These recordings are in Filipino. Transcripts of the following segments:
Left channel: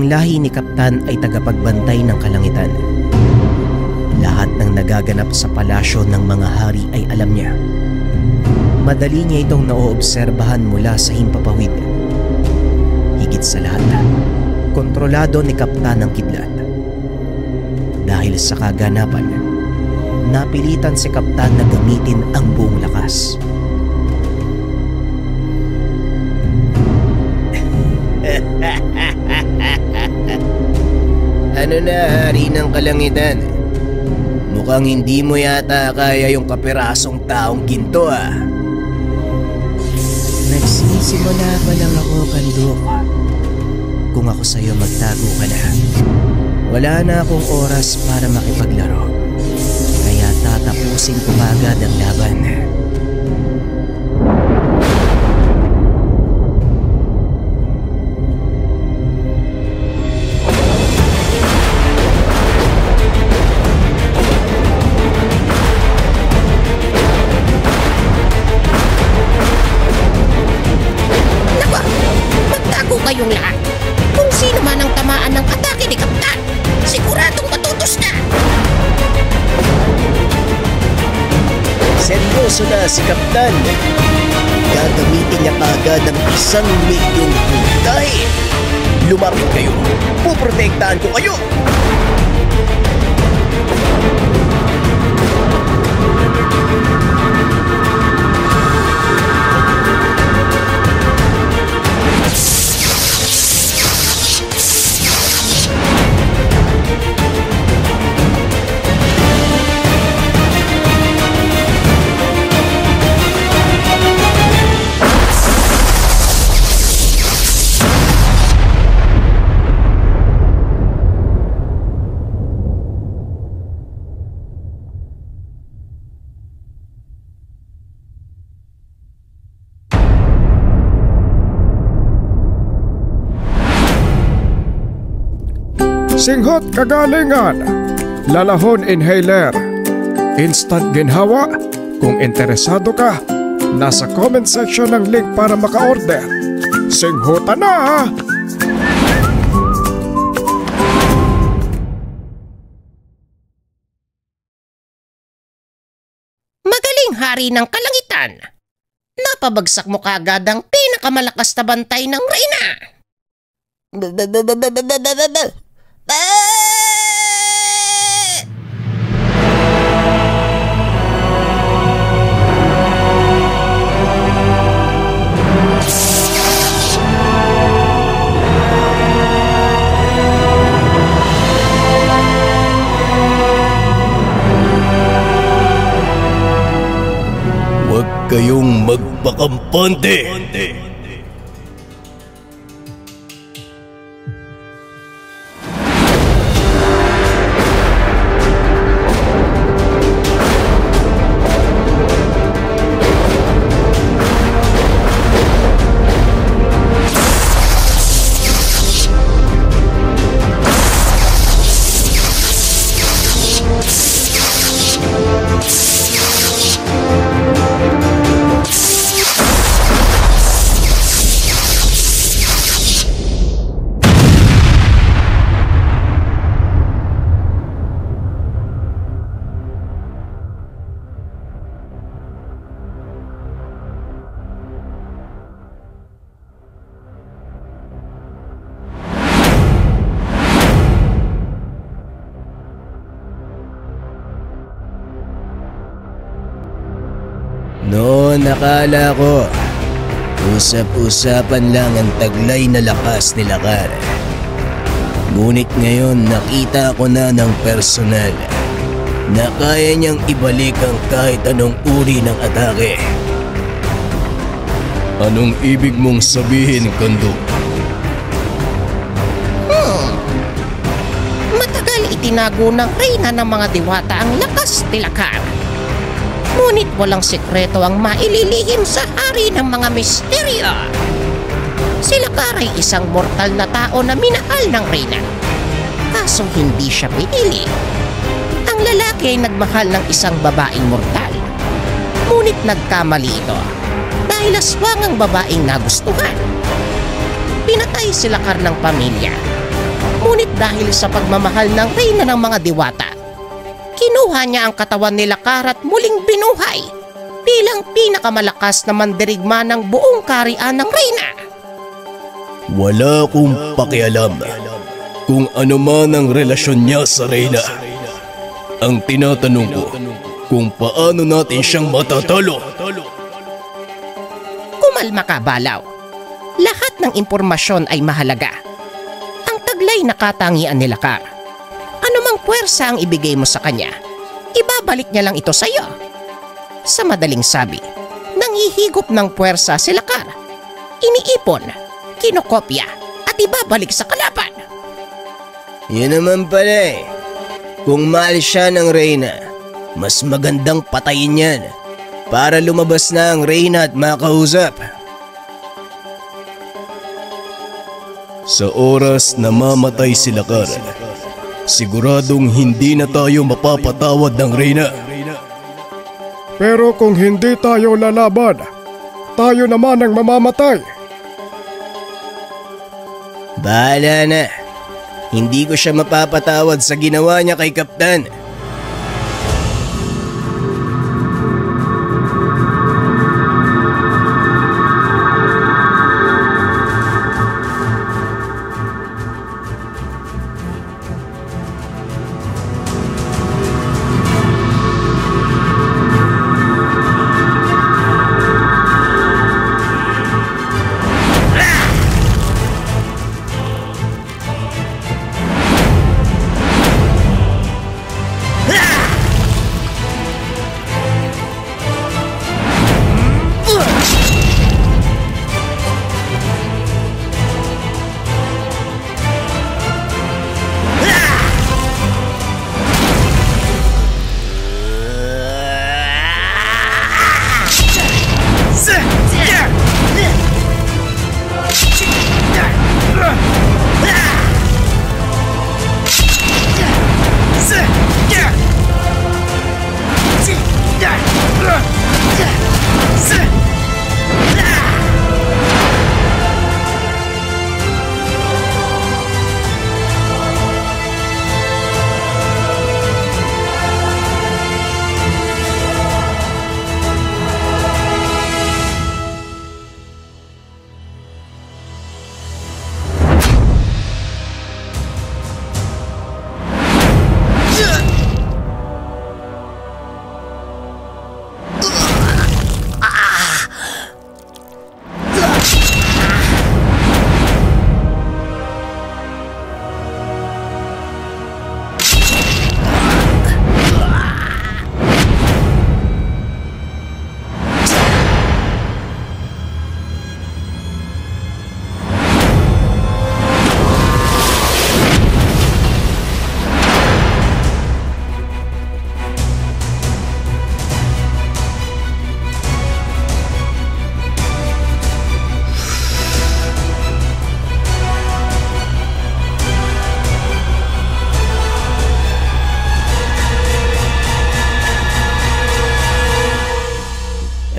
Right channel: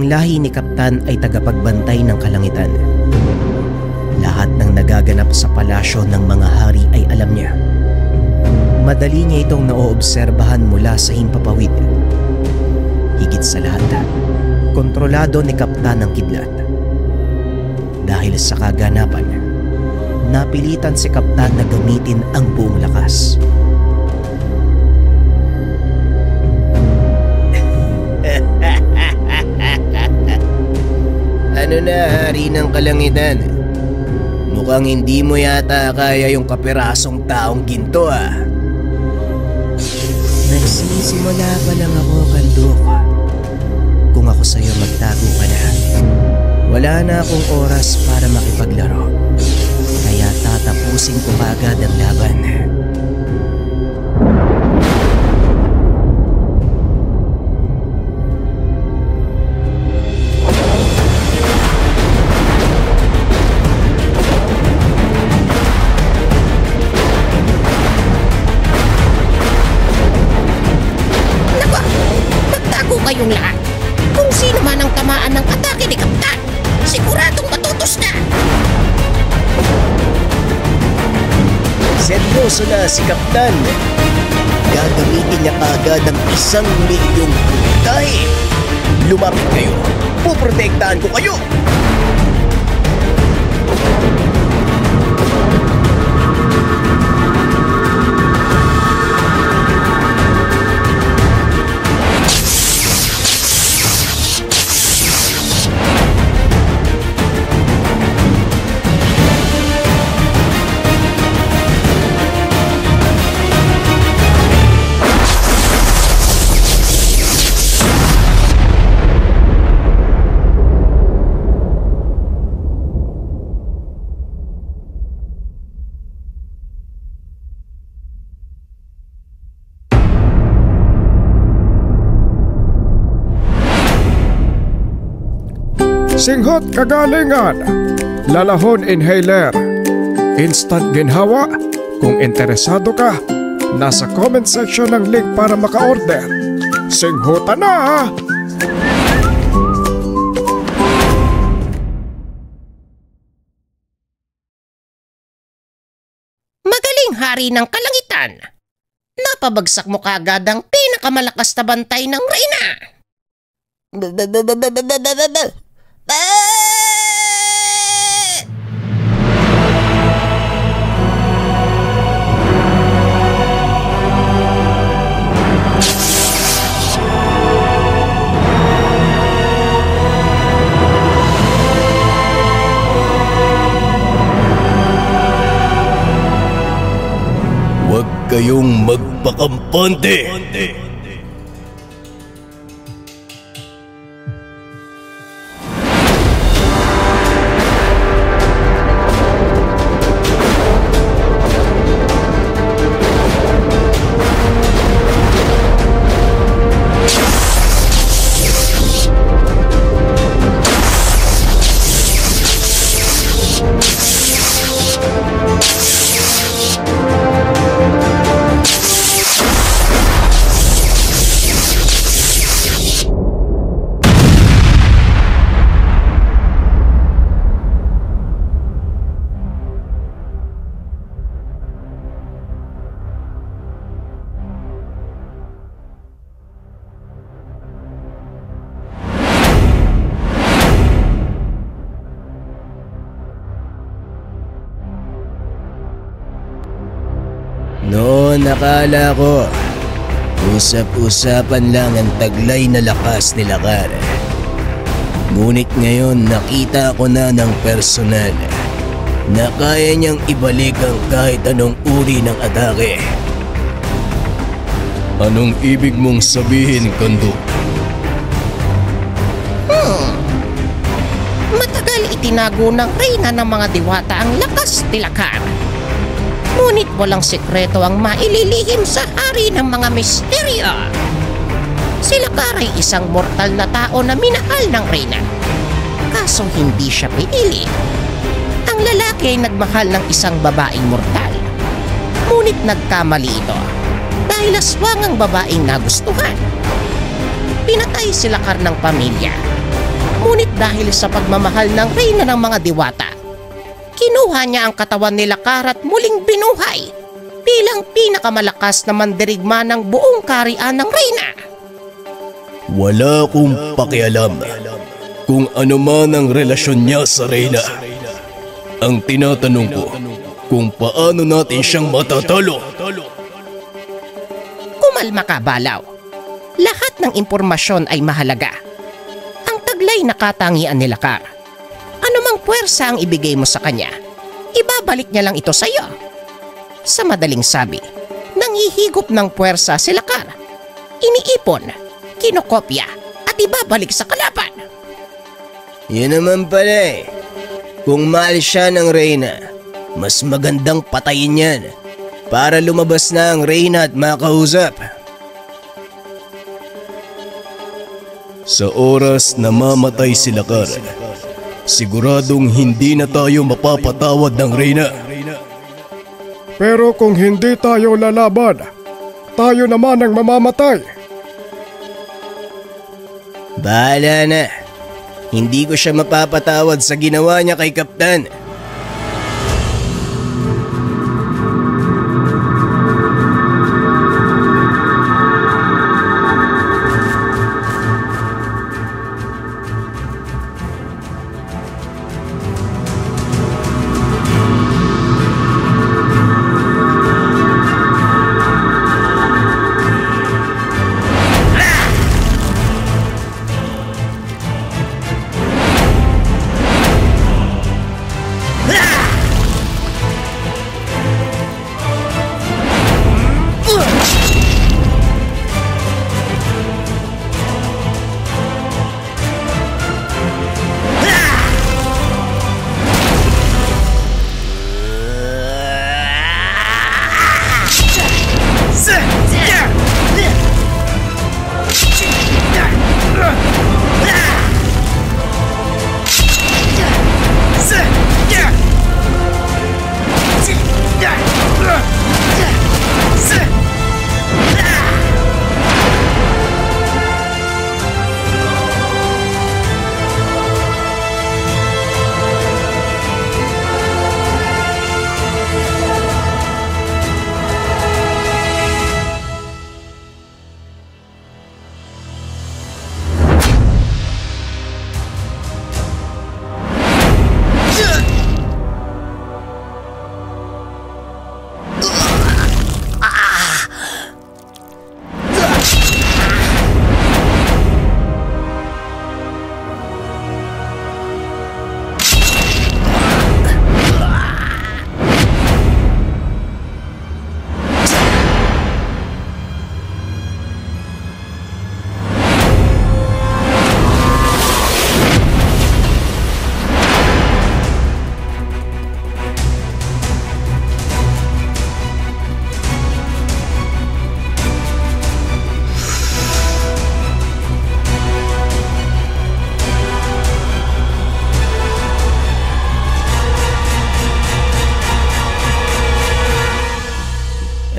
Ang lahi ni Kaptan ay tagapagbantay ng kalangitan. Lahat ng nagaganap sa palasyo ng mga hari ay alam niya. Madali niya itong naoobserbahan mula sa himpapawid. Higit sa lahat, kontrolado ni Kaptan ang kidlat. Dahil sa kaganapan, napilitan si Kaptan na gamitin ang buong lakas. Ano na, hari ng kalangitan? Mukhang hindi mo yata kaya yung kapirasong taong ginto ah. Nagsisimula pa lang ako, Kanduk. Kung ako sa'yo magtago ka na, wala na akong oras para makipaglaro. Kaya tatapusin ko agad ang laban. Kayong lahat. Kung sino man ang tamaan ng atake ni Kaptan, siguradong matutos na. Seryoso na si Kaptan. Gagamitin niya kaagad ang 1,000,000 puntahe. Lumapit kayo. Puprotektahan ko kayo. Singhot kagalingan, lalahon inhaler, instant ginhawa. Kung interesado ka, nasa comment section ng link para maka-order. Singhutan na! Magaling, hari ng kalangitan. Napabagsak mo kaagad ang pinakamalakas na bantay ng reyna. Huwag kayong magpakampante. Noon nakala ko, usap-usapan lang ang taglay na lakas ni Lakar. Ngunit ngayon nakita ko na ng personal na kaya niyang ibalik ang kahit anong uri ng atake. Anong ibig mong sabihin, Kanduk? Matagal itinago ng reyna ng mga diwata ang lakas ni Lakar. Ngunit walang sekreto ang maililihim sa hari ng mga misteryo. Si Lakar ay isang mortal na tao na minahal ng reyna. Kaso hindi siya pinili. Ang lalaki ay nagmahal ng isang babaeng mortal. Ngunit nagkamali ito dahil aswang ang babaeng nagustuhan. Pinatay si Lakar ng pamilya Ngunit dahil sa pagmamahal ng reyna ng mga diwata, kinuha niya ang katawan ni Lakar at muling binuhay bilang pinakamalakas na mandirigma ng buong kaharian ng reyna. Wala akong pakialam kung ano man ang relasyon niya sa reyna. Ang tinatanong ko kung paano natin siyang matatalo. Kumalma ka, Balaw. Lahat ng impormasyon ay mahalaga. Ang taglay na katangian ni Lakar, anumang puwersa ang ibigay mo sa kanya, ibabalik niya lang ito sa iyo. Sa madaling sabi, nanghihigop ng puwersa si Lakar. Iniipon, kinokopya at ibabalik sa kalaban. Yun naman pala eh. Kung mahal siya ng reyna, mas magandang patayin yan para lumabas na ang reyna at makausap. Sa oras na mamatay si Lakar, siguradong hindi na tayo mapapatawad ng reyna. Pero kung hindi tayo lalaban, tayo naman ang mamamatay. Bahala na. Hindi ko siya mapapatawad sa ginawa niya kay Kaptan.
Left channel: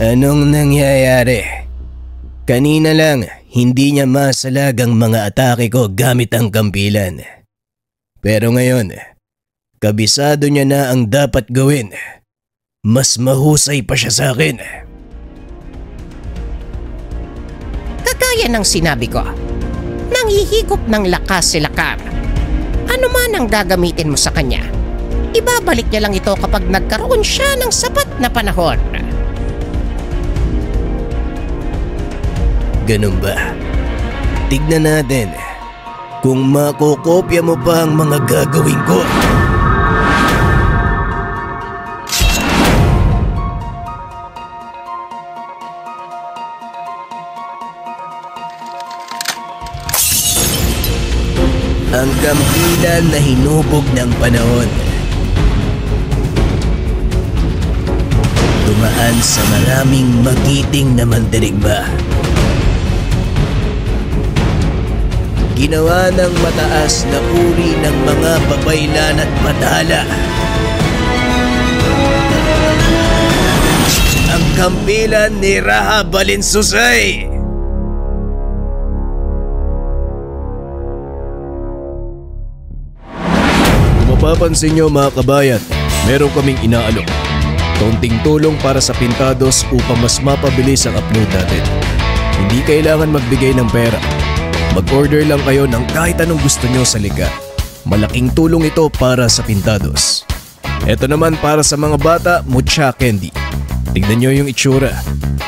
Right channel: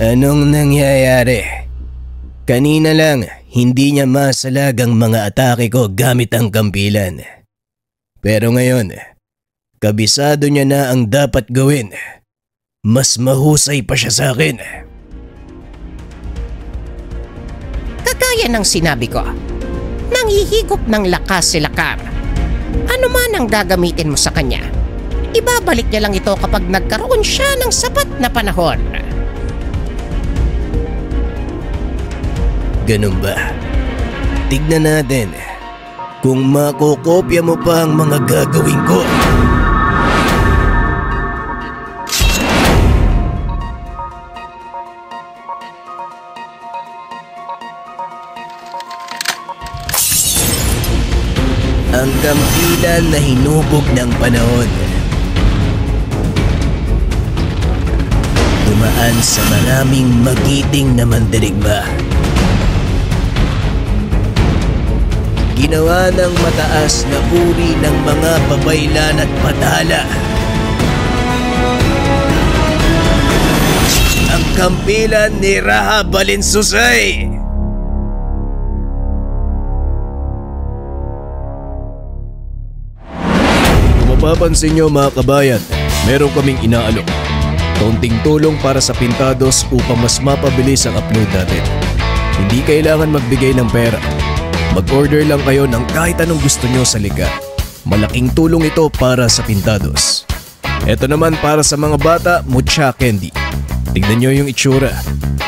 Anong nangyayari? Kanina lang, hindi niya masalag ang mga atake ko gamit ang kampilan. Pero ngayon, kabisado niya na ang dapat gawin. Mas mahusay pa siya sa akin. Kagaya ng sinabi ko, nanghihigop ng lakas si Lakar. Ano man ang gagamitin mo sa kanya, ibabalik niya lang ito kapag nagkaroon siya ng sapat na panahon. Ganun ba? Tignan natin kung makokopya mo pa ang mga gagawin ko. Ang kampilan na hinubog ng panahon. Dumaan sa maraming magiting na mandirigma. Ginawa ng mataas na uri ng mga babaylan at matala. Ang kampilan ni Raha Balinsusay. napapansin nyo mga kabayan, meron kaming inaalok. Kaunting tulong para sa Pintados upang mas mapabilis ang upload natin. Hindi kailangan magbigay ng pera. Mag-order lang kayo ng kahit anong gusto nyo sa likha. Malaking tulong ito para sa Pintados. Ito naman para sa mga bata, Mucha Candy. Tignan nyo yung itsura.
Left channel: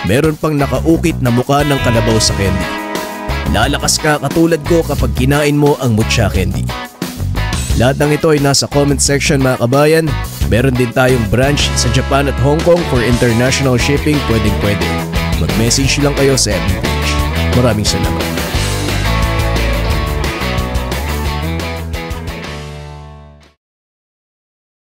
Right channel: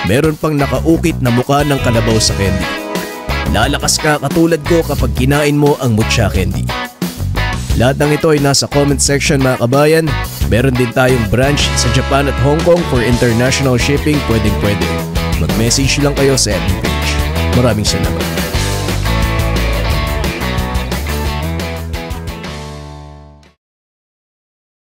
Meron pang nakaukit na mukha ng kalabaw sa candy. Lalakas ka katulad ko kapag kinain mo ang Mucha Candy. Lahat ng ito ay nasa comment section mga kabayan. Meron din tayong branch sa Japan at Hong Kong for international shipping, pwedeng-pwede. Mag-message lang kayo sa FB page. Maraming salamat.